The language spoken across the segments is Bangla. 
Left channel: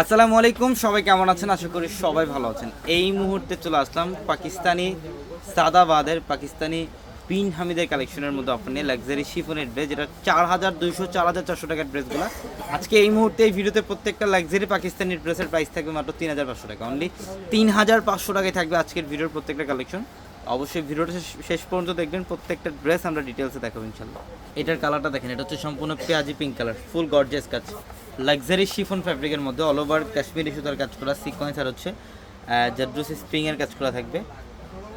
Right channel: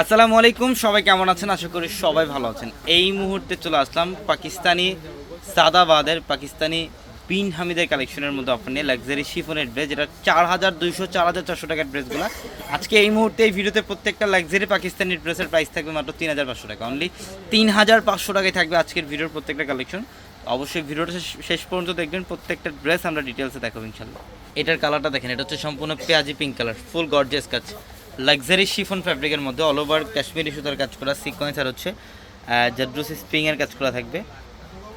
আসসালামু আলাইকুম, সবাই কেমন আছেন? আশা করি সবাই ভালো আছেন। এই মুহূর্তে চলে আসলাম পাকিস্তানি সাদাবাদের, পাকিস্তানি পিন হামিদের কালেকশনের মধ্যে অফার নিয়ে লাক্সারি শিফনের ড্রেস যেটা চার হাজার দুইশো, চার হাজার চারশো টাকার ড্রেসগুলো আজকে এই মুহূর্তে এই ভিডিওতে প্রত্যেকটা লাক্সারি পাকিস্তানি ড্রেসের প্রাইস থাকবে মাত্র তিন হাজার পাঁচশো টাকা। অনলি তিন হাজার পাঁচশো টাকায় থাকবে আজকের ভিডিওর প্রত্যেকটা কালেকশন অবশ্যই ভিডিওটা শেষ- পর্যন্ত দেখবেন, প্রত্যেকটা ড্রেস আমরা ডিটেলসে দেখাবো ইনশাল্লাহ এটার কালারটা দেখেন, এটা হচ্ছে সম্পূর্ণ পেঁয়াজি পিঙ্ক কালার ফুল গর্জিয়াস কাজ লাক্সারি শিফন ফ্যাব্রিকের মধ্যে অল ওভার কাশ্মীরি সুতার কাজ করা সিকোয়েন্স আর হচ্ছে জাদ্রুসি স্প্রিংয়ের কাজ করা থাকবে।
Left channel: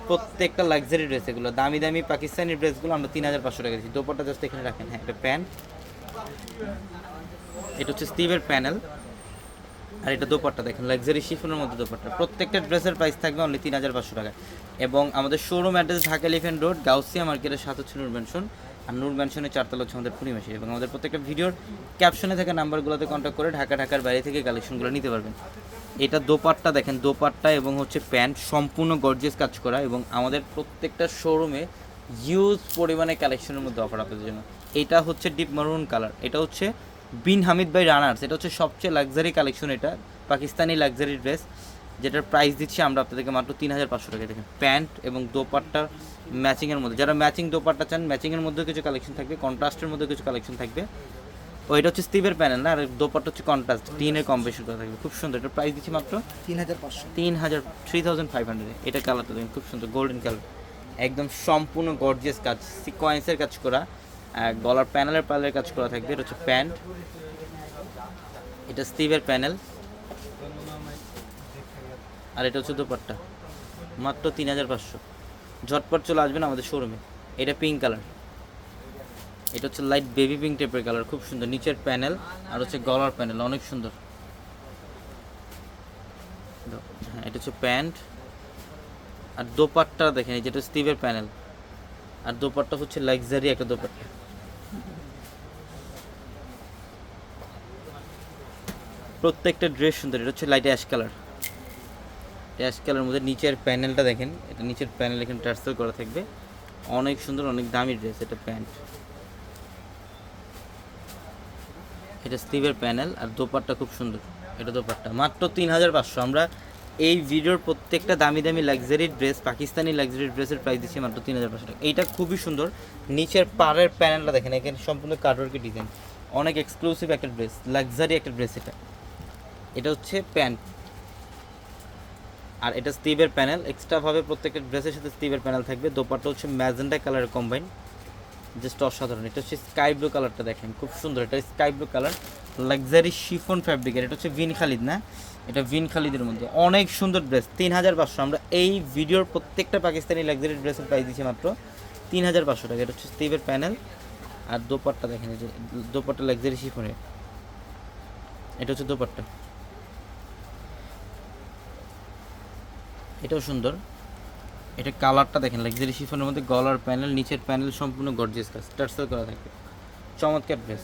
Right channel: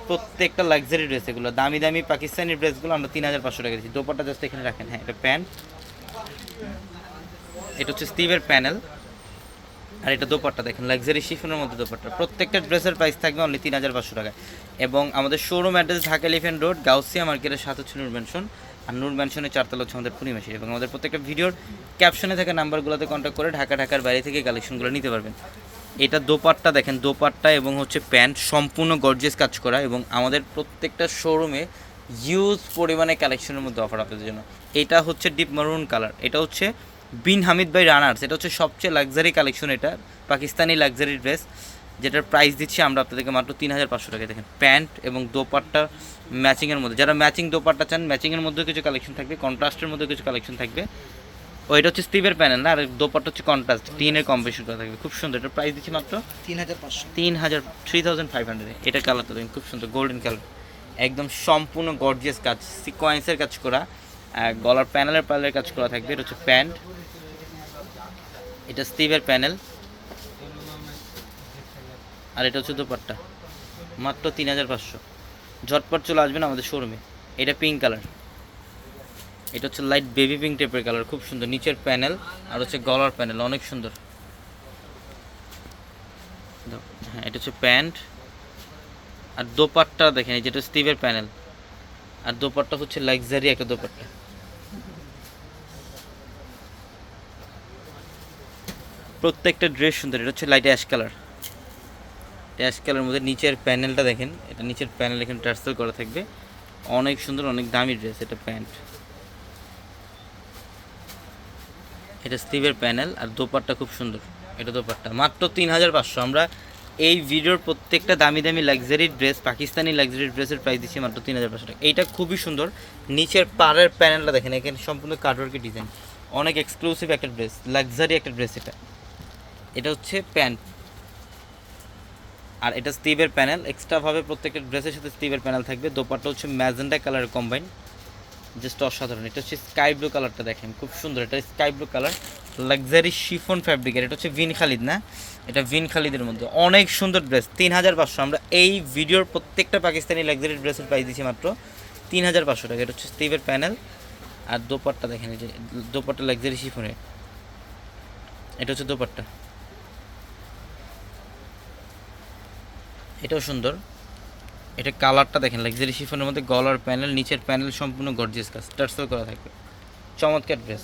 প্রত্যেকটা লাক্সারি ড্রেস এগুলো, দামি দামি পাকিস্তানি ড্রেসগুলো আমরা তিন হাজার পাঁচশো টাকা দিচ্ছি। দোপাটা জাস্ট এখানে রাখেন হ্যাঁ একটা প্যান্ট। এটা হচ্ছে স্টিভের প্যানেল আর এটা দোপাট্টা, দেখেন লাক্সারি শিফনের মধ্যে দোপাট্টা। প্রত্যেকটা ড্রেসের প্রাইস থাকবে অনলি তিন হাজার পাঁচশো টাকা এবং আমাদের showroom address Dhaka Elephant Road Gausia মার্কেটের সাথে হচ্ছে নূর ম্যানশন আর নূর ম্যানশনের চারতলা হচ্ছে আমাদের পূর্ণিমাসী এবং আমাদের প্রত্যেকটা ভিডিওর ক্যাপশনে থাকা নাম্বারগুলোতে কন্ট্যাক্ট করে ঢাকা, ঢাকার বাইরে থেকে কালেকশনগুলো নিতে পারবেন। এটা দোপাট্টা, দেখেন, দোপাট্টা এবং হচ্ছে প্যান্ট, সম্পূর্ণ গর্জিয়াস কাজ করা এবং আমাদের প্রত্যেকটা শোরুমে ইউজ পরিমাণে কালেকশনের মধ্যে অফার আপনাদের জন্য। এটা হচ্ছে ডিপ মারুন কালার এটা হচ্ছে বিন হামিদ বাই রানার্স এটা হচ্ছে সবচেয়ে লাক্সারি কালেকশন এটা পাকিস্তানি লাক্সারি ড্রেস যেটার প্রাইস দিচ্ছি আমরা আপনাদেরকে মাত্র তিন হাজার পাঁচশো টাকা দেখেন প্যান্ট এবং দোপাট্টা ম্যাচিংয়ের মধ্যে যারা ম্যাচিং দোপাট্টা চান ম্যাচিংয়ের মধ্যেও কিছু কালেকশন থাকবে কন্ট্রাস্টের মধ্যে কিছু কালেকশন থাকবে। ও এটা হচ্ছে স্টিভের প্যানেল না আর দোপাট্টা হচ্ছে কন্ট্রাস্ট টিনের কম্বিনেশন করা থাকবে খুব সুন্দর এটার প্রাইস দিচ্ছি মাত্র তিন হাজার পাঁচশো। তিন হাজার থ্রি থাউজেন্ড ফাইভ হান্ড্রেড এটা কালারটা দেখেন খুব সুন্দর গোল্ডেন কালার একদম সম্পূর্ণ গর্জিয়াস কাজ সিকোয়েন্সের কাজ করা। গলার প্যানেলের প্যানেলের কাজ করা থাকবে। এটা হচ্ছে প্যান্ট এটা স্টিভের প্যানেল। আর এটা হচ্ছে দোপাট্টা। মাত্র তিন হাজার পাঁচশো। ঝটপট চলে আসবেন আমাদের শোরুমে এটা পিঙ্ক কালার এটা হচ্ছে লাইট বেবি পিঙ্ক টাইপের কালার খুব সুন্দর। নিচের প্যানেল আর হচ্ছে গলার প্যানেল। অনেক সুন্দর। হ্যাঁ এটা হচ্ছে প্যান্ট। আর দোপাট্টা দেখেন, এই যেটা স্টিভের প্যানেল। আর দোপাট্টা হচ্ছে লাক্সারি একটা দোপাট্টা। প্রত্যেকটা ড্রেস সুন্দর, এটা হচ্ছে লাইট অ্যাশ কালার অ্যাশ কালারের মধ্যে নিচের প্যানেলটা দেখেন, এটা নিচের প্যানেল এখানে ট্রান্সফার করা থাকবে। অনেক সুন্দর, অনেক দামি ড্রেস এটা প্যান্ট। এটা স্টিভের প্যানেল আর দোপাট্টা খুব সুন্দর, এটা দোপাট্টা। মাত্র তিন হাজার পাঁচশো। আমরা এই ভিডিওর প্রত্যেকটা দামি দামি লাক্সারি ড্রেস পাকিস্তানি লাক্সারি ড্রেসের প্রাইস দিচ্ছি মাত্র তিন হাজার পাঁচশো টাকা। এইটা খুবই সুন্দর। নিচের পাড়ের প্যানেলটা দেখেন, এখানে সম্পূর্ণ কার্ডওয়ার্কের ডিজাইন অনেক এক্সক্লুসিভ একটা ড্রেস লাক্সারি একটা ড্রেস এটা। এটা হচ্ছে প্যান্ট আর এটা স্টিভের প্যানেল। এক্সট্রাভাবে প্রত্যেকটা ড্রেসের সাথে স্টিভের প্যানেল থাকবে। দোপাট্টা হচ্ছে ম্যাজেন্ডা কালার কম্বাইন জাস্ট অসাধারণ। এটা হচ্ছে স্কাই ব্লু কালারটা দেখেন। খুব সুন্দর। এটা sky blue colour luxury chiffon ফ্যাব্রিকের এটা হচ্ছে ভিন খালিদ, না? এটা ভিন খালিদের মধ্যে। অনেক সুন্দর ড্রেস তিন হাজার পাঁচশো। আমরা এই ভিডিওর প্রত্যেকটা পাকিস্তানি লাক্সারি ড্রেসের প্রাইস দিচ্ছি মাত্র তিন হাজার পাঁচশো টাকা। এটা হচ্ছে স্টিভের প্যানেল। আর দোপাট্টা দেখেন এই যে দোপাট্টা লাক্সারি শিফনের এটা হচ্ছে দোপাট্টা। এটাও সুন্দর। এটা কালারটা দেখেন লাক্সারি শিফনের মধ্যে গলার প্যানেল নিচের প্যানেল সম্পূর্ণ গর্জিয়াস কাজ, টার্সেল করা থাকে। চমৎকার ড্রেস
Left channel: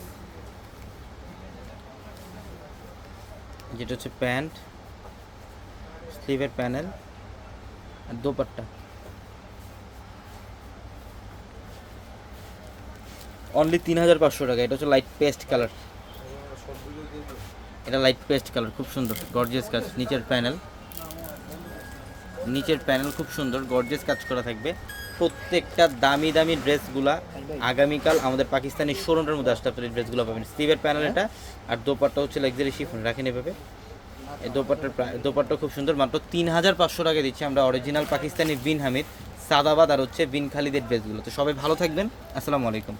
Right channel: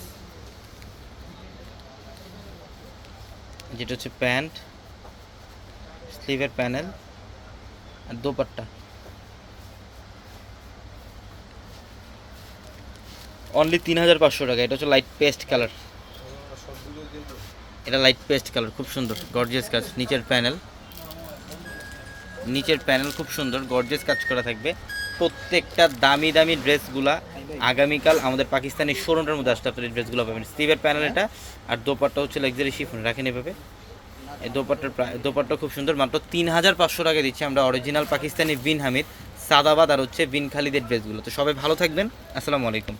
যেটা হচ্ছে প্যান্ট, স্লিভের প্যানেল আর দোপাট্টা। অনলি তিন হাজার পাঁচশো টাকা, এটা হচ্ছে লাইট পেস্ট কালার এটা লাইট পেস্ট কালার খুব সুন্দর গর্জিয়াস কাজ, নিচের প্যানেল নিচের প্যানেল খুব সুন্দর গর্জেস কাজ করা থাকবে। প্রত্যেকটা দামি দামি ড্রেসগুলা আগামীকাল আমাদের পাকিস্তানি শোরুমের মধ্যে আসতে আপনার ড্রেসগুলো পাবেন। স্টিভের প্যানেল এটা, আর দোপাট্টা হচ্ছে লাক্সারি শিফন রাখেন এভাবে। এই দোপাট্টার প্রায় দোপাট্টা খুব সুন্দর, মাত্র তিন হাজার পাঁচশো টাকা দিচ্ছি আমরা অরিজিনাল পাকিস্তানি বিন হামিদ, সাদাবাদ আর হচ্ছে বিন খালিদের ড্রেসগুলো। তো সবাই ভালো থাকবেন, আসসালামু আলাইকুম।